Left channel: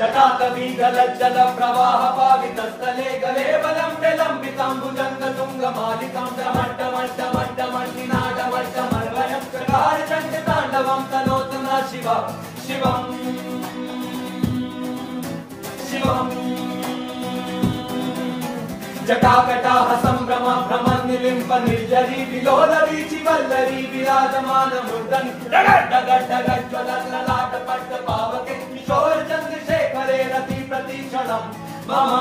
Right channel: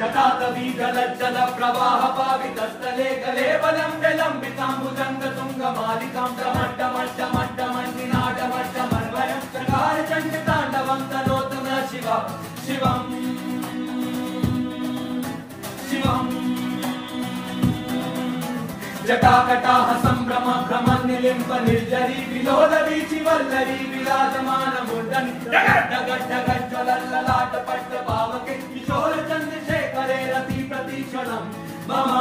जटाकवीगलज्जल प्रवाह पावितस्थले गलेवलं विलम्बिताम्बुजङ्गतुङ्गमालिकां डमड्डमड्डमड्डमण्डिनादमड्डमर्वयं चकारचण्डताण्डवं तनोतु न शिवा शिवम् शिवम् जटाकटाह सम्भ्रम भ्रमनिलिम्ब निर्जरी विलोलवीचि वल्लरी विराजमान मूर्धनि डगड्डगज्ज्वलल्ललाट पट्ट पावके किशोर चन्द्रशेखरे रति प्रतीक्षणम् मम